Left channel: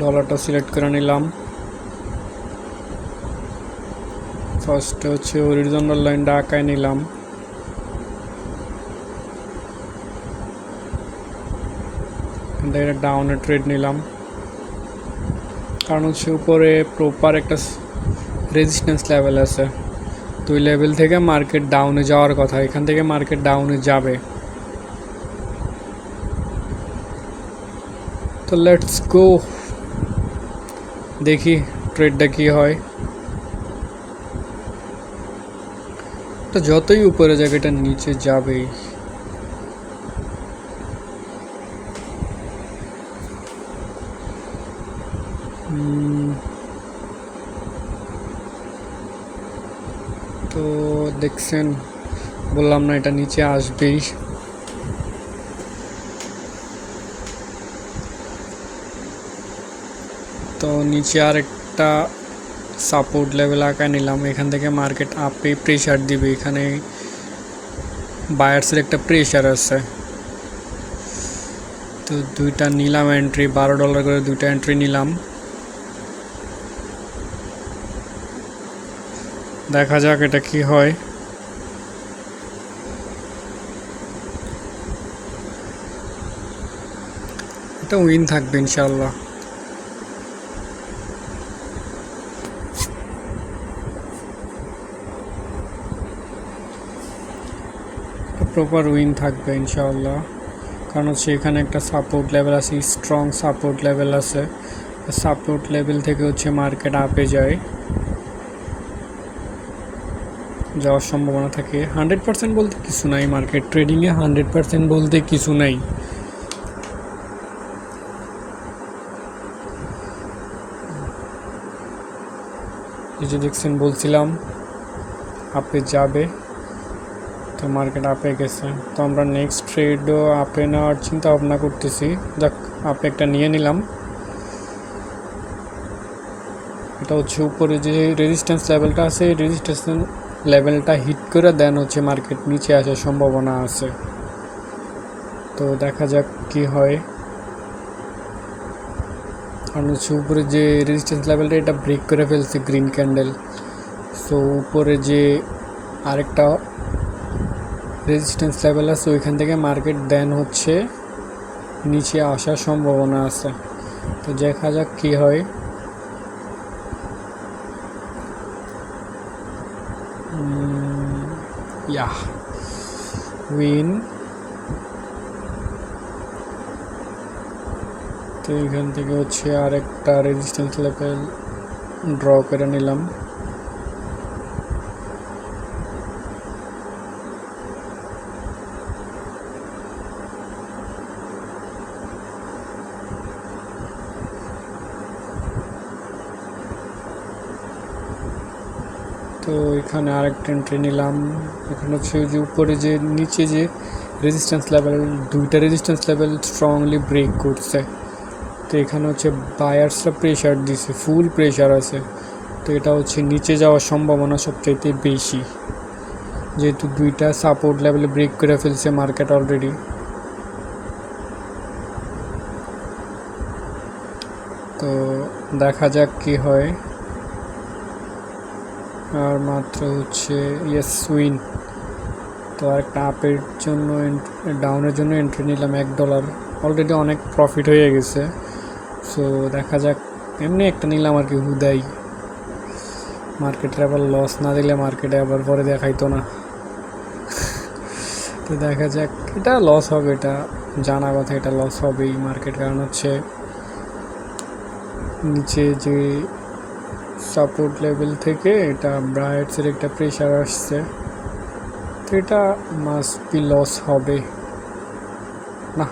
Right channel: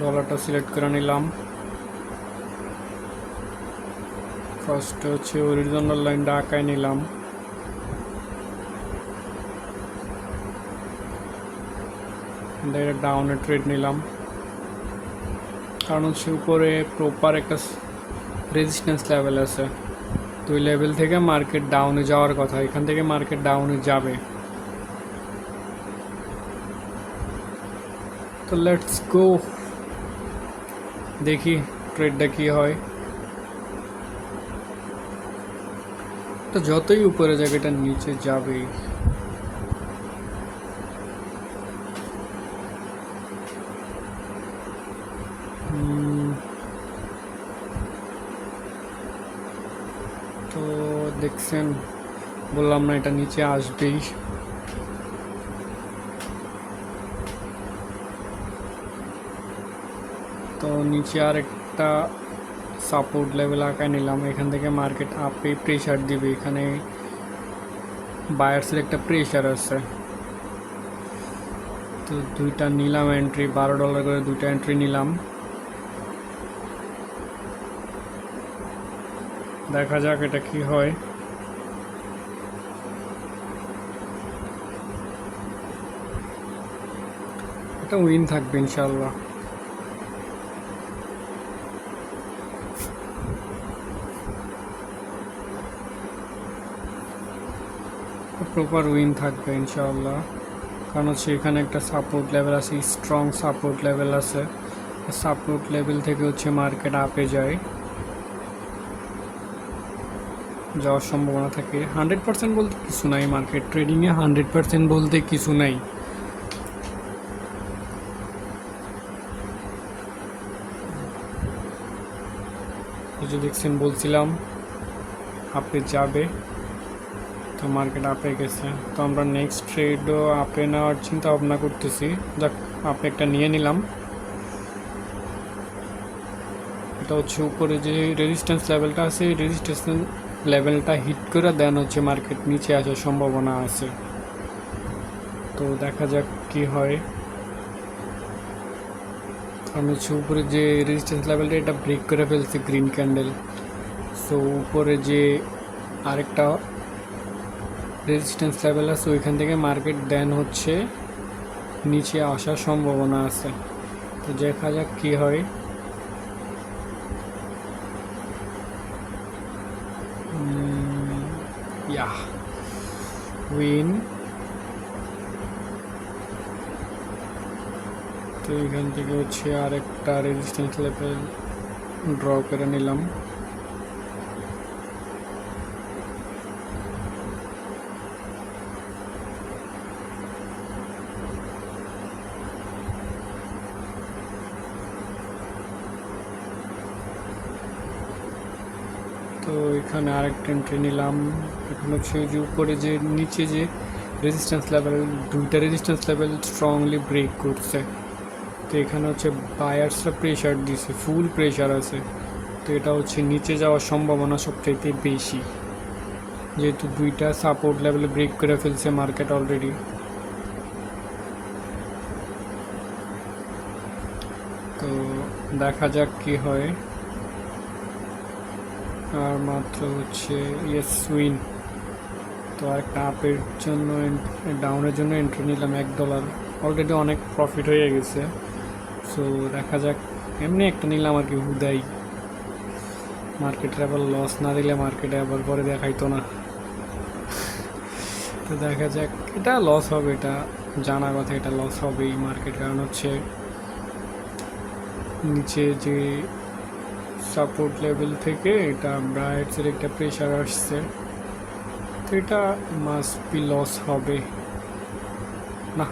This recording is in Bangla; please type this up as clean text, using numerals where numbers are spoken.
ডলারটা সিলেক্ট করে নিলাম। ফার্স্টে হচ্ছে হরিজন্টাল লাইনটা আঁকায় নিলাম। ডাউনে ট্রেড নিলাম, কারণ হচ্ছে উপরে প্রপার একটা রেজিস্ট্যান্স লেভেল আছে। তো ওই লেভেল থেকে মার্কেট ডাউনে যাওয়ার কথা, এখান থেকে মার্কেট ডাউনে যাবে। তো লেটস গো, দেখি ট্রেডটা কি হয়। তো যতই উপরে যাবে এটা নিচে যাবেই। তো দেখছেন, বললাম না এটা নিচে আসবেই। তো নিচে আর একটা সাপোর্ট লেভেল আঁকায় নিলাম, এখান থেকে মার্কেট আপে প্রেশার দিবে। এখানে বায়ার্সের একটা প্রেশার আছে। তো দুইটা নিলাম এন্ট্রি, $12 করে দুইটা এন্ট্রি নিলাম। দেখা যাক এটা কি হয়। এটা উইন থাকবে ইনশাল্লাহ। প্রপার উইন থাকবে ইনশাআল্লাহ, কারণ হচ্ছে এখানে একটা সাপোর্ট লেভেল আছে, স্ট্রং সাপোর্ট লেভেল আছে। সাপোর্ট লেভেল থেকে হচ্ছে মার্কেট আপে যায়, যাওয়ার সম্ভাবনা থাকে। 100% বলতে কিছু নাই, মার্কেট ট্রেডিংয়ে 100% বলতে কিছু নাই। এই যে দেখছেন, বলছিলাম আপে যাবে, তো মার্কেট আপে গেছে। তো আমরা নেক্সট ট্রেডও আপে নেওয়ার চিন্তা ভাবনা করতেছি। যাক, আপে একটা নিয়ে নিলাম। এটা হচ্ছে উপরে যে রেজিস্ট্যান্স লেভেলটা আছে, এই রেজিস্ট্যান্স লেভেলটা হিট করে দেন হচ্ছে মার্কেট নিচে আসার সম্ভাবনা আছে। তো দেখা যাক কি হয়। কারণ হচ্ছে উপরে যে রেজিস্ট্যান্স লেভেলটা এটা ব্রেক করে ফেলছে গ্রিন ক্যান্ডেল। সো উপরে যে আরেকটা রেজিস্ট্যান্স লেভেল আছে ওইখান থেকে মার্কেট দেন হচ্ছে নিচে আসার সম্ভাবনা আছে। তো দেখা যাক কি হয়। উইন। তো এখান থেকে হচ্ছে আরেকটা রেজিস্ট্যান্স লেভেল ড্র করে নিলাম। তো এখানে আরেকটা এন্ট্রি নিলাম। এখানে হচ্ছে যে উপরে যে নিচে যে রেজিস্ট্যান্স লেভেল, দুইটা রেজিস্ট্যান্স লেভেল স্ট্রংলি ব্রেক করছে। তো এখানে হচ্ছে বায়ার্সরা প্রেশার দিছে, ফুল প্রেশার আছে। তো এটা হচ্ছে নিচে যাওয়ার সম্ভাবনা সবচাইতে বেশি, যেহেতু দুইটা সাপোর্ট লেভেলে ব্রেক করে ফেলছে মার্কেট অলরেডি। তো দেখা যাক কি হয়। আর মাত্র হচ্ছে ইয়েস উইন। তো একটা আপের জন্য ডাউনের জন্য এন্ট্রি নিলাম $1, অলরেডি অনেক প্রফিট হয়ে গেছে। সো দেখা যাক, এমনি একটা নিলাম আর কি হুদাই, মার্কেটের আবার লস না দিলে মার্কেটে আবার পরে দেখাইতো না। তো দেখা যাক, এটা লস হবে, এটা জানা কথা, এটা লস হবেই মার্কেট। কারণ হচ্ছে নিচে যে সাপোর্ট লেভেল থেকে এটা ব্রায়ার্সের একটা প্রেশার আসছে, তো এটা মাস্ট বি লস হবে না।